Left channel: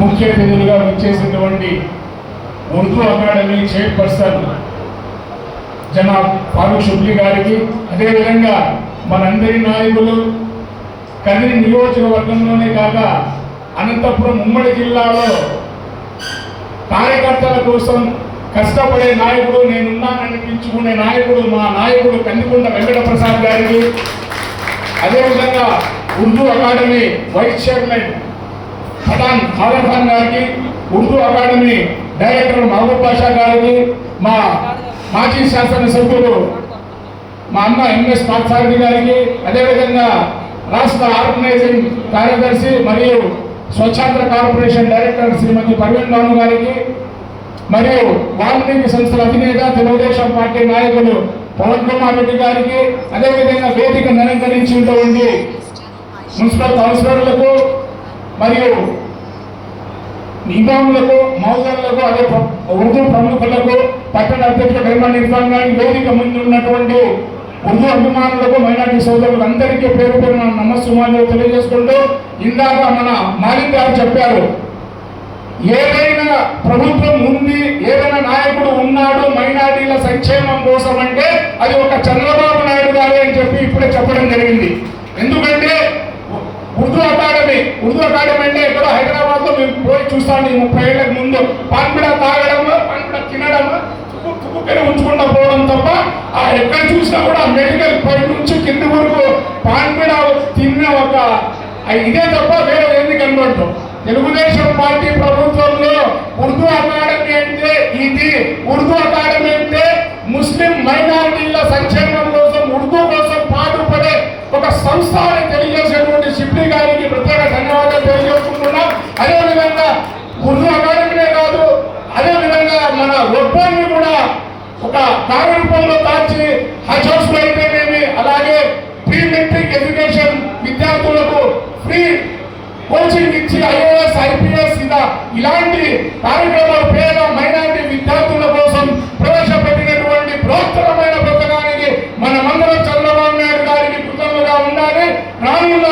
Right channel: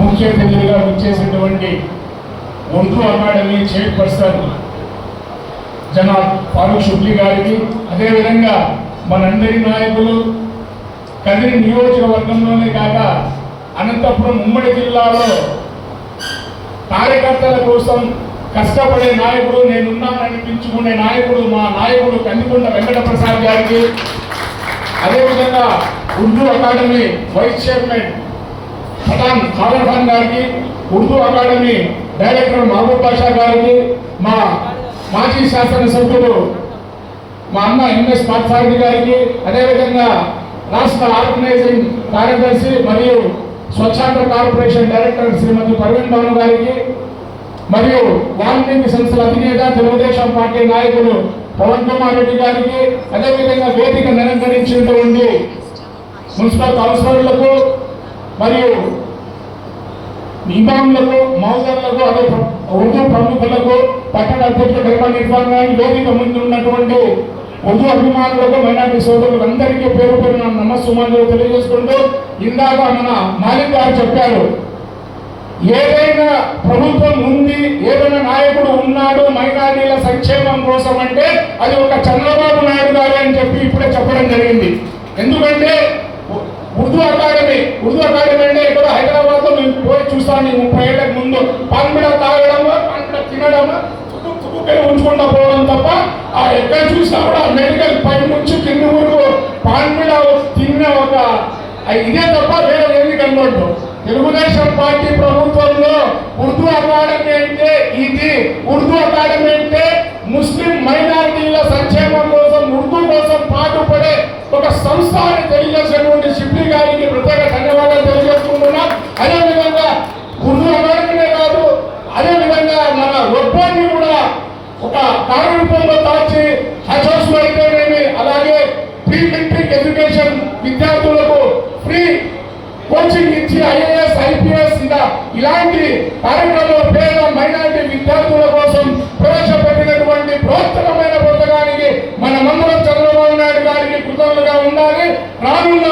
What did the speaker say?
ముఖ్య అతిథులుగా వచ్చేసినటువంటి ఉర్దూ అకాడమీ చైర్పర్సన్ జనాబ్ ఫారూక్ షుబ్లీ గారికి, అదేవిధంగా మనందరి నాయకులు కదిరి నియోజకవర్గంలోనే కాక అనంతపురం ఉమ్మడి జిల్లాలో కార్యకర్తల కోసం కష్టపడే నాయకుడు, నేనున్నాననిపించుకునే నాయకుడు మా నాయకుడు కందికొండ వెంకట ప్రసాద్ గారికి, అదేవిధంగా Urdu academy vice chairman Khan గారికి, ఉర్దూ అకాడమీ డైరెక్టర్ మహబూబ్ బాషా గారికి, మా మాజీ శాసనసభ్యులు మా అన్న ఎంఎస్ పార్థసారథి గారికి, అదేవిధంగా రాష్ట్ర ఆర్గనైజింగ్ కార్యదర్శి మరియు స్వచ్ఛంద కార్పొరేషన్ డైరెక్టర్ శ్రీమతి పర్వీన్ బాను గారికి, మరియు వాల్మీకి సంస్థల అధినేత తెలుగుదేశం పార్టీ నాయకులు పవన్ కుమార్ రెడ్డి గారికి, అదేవిధంగా వేదికను అలంకరించినటువంటి మున్సిపల్ కౌన్సిలర్లకు మరియు ఇమాములకు, మౌజర్లకు, అదే ఉర్దూ ప్రముఖులకు, పట్టణ అధ్యక్షుడు హైమాన్ ఇర్ఫాన్ గారి, వేదిక ముందు ఉన్నటువంటి ఉర్దూ అభిమానులకు, మైనార్టీ సోదరులకు అందరికీ పేరు పేరున నమస్సుమాలు తెలియజేసుకుంటూ, ఇందాక మన మాలిక్ గారు చెప్పారు, ఏదైనా ప్రభుత్వం ఉంది, ఏదైనా నాయకుడు ఉన్నాడు మైనార్టీల సంక్షేమం కోసం అంటే అది ఒక చంద్రబాబు నాయుడు గారి అని చెప్పి ఇప్పుడే చెప్పడం జరిగింది. ఎందుకంటే ఉర్దూ అకాడమీ అంటే ఎక్కడో హైదరాబాద్ లో మేము పోయి చూస్తాను 30 ఏళ్లకు ముందు, పాన్పిడ తాగడం, పాన్పిడ తినడం, తుక్కుని ఉంచుకుంటా పోవడం తప్ప ఎక్కడ చూసినా కూడా మెడికల్ పై నుంచి కింది వరకు పాన్పిడ తిన్న ఒక ఇదే తప్ప వేరే ఏది కనబడదు. తెలుగుదేశం పార్టీ ప్రభుత్వంలో ఉర్దూ అకాడమీ అంటే ఇది, ఉర్దూ అకాడమీ అంటే ముస్లిం మైనారిటీల సంక్షేమం కోసం, ఉర్దూ కోసం పాటుపడే ఒక సంస్థ అని తెలియజేసేటువంటి షిబ్లీ గారికి ప్రత్యేక ధన్యవాదాలు తెలియజేసుకుంటున్నాం. అదేవిధంగా ఉర్దూ అకాడమీనే కాదు, అదేవిధంగా మన ఒప్పంది కూడా ఒక కార్యరూపంలో దాచి హజ్ హౌస్ అయితేనేమి, అలాగే ప్రీ మెట్రిక్ ఎడ్యుకేషన్ విద్యార్థులకు ఫ్రీ కోచింగ్ ఇచ్చి ఐఏఎస్, ఐపీఎస్ ఇలాంటి కార్యక్రమాలు పేద మైనారిటీ విద్యార్థుల కోసం ప్రవేశపెట్టినటువంటి బృహత్తరమైన పథకానికి మనమందరం చంద్రబాబు నాయుడు గారికి కృతజ్ఞతగా ఉండాలి. రానున్న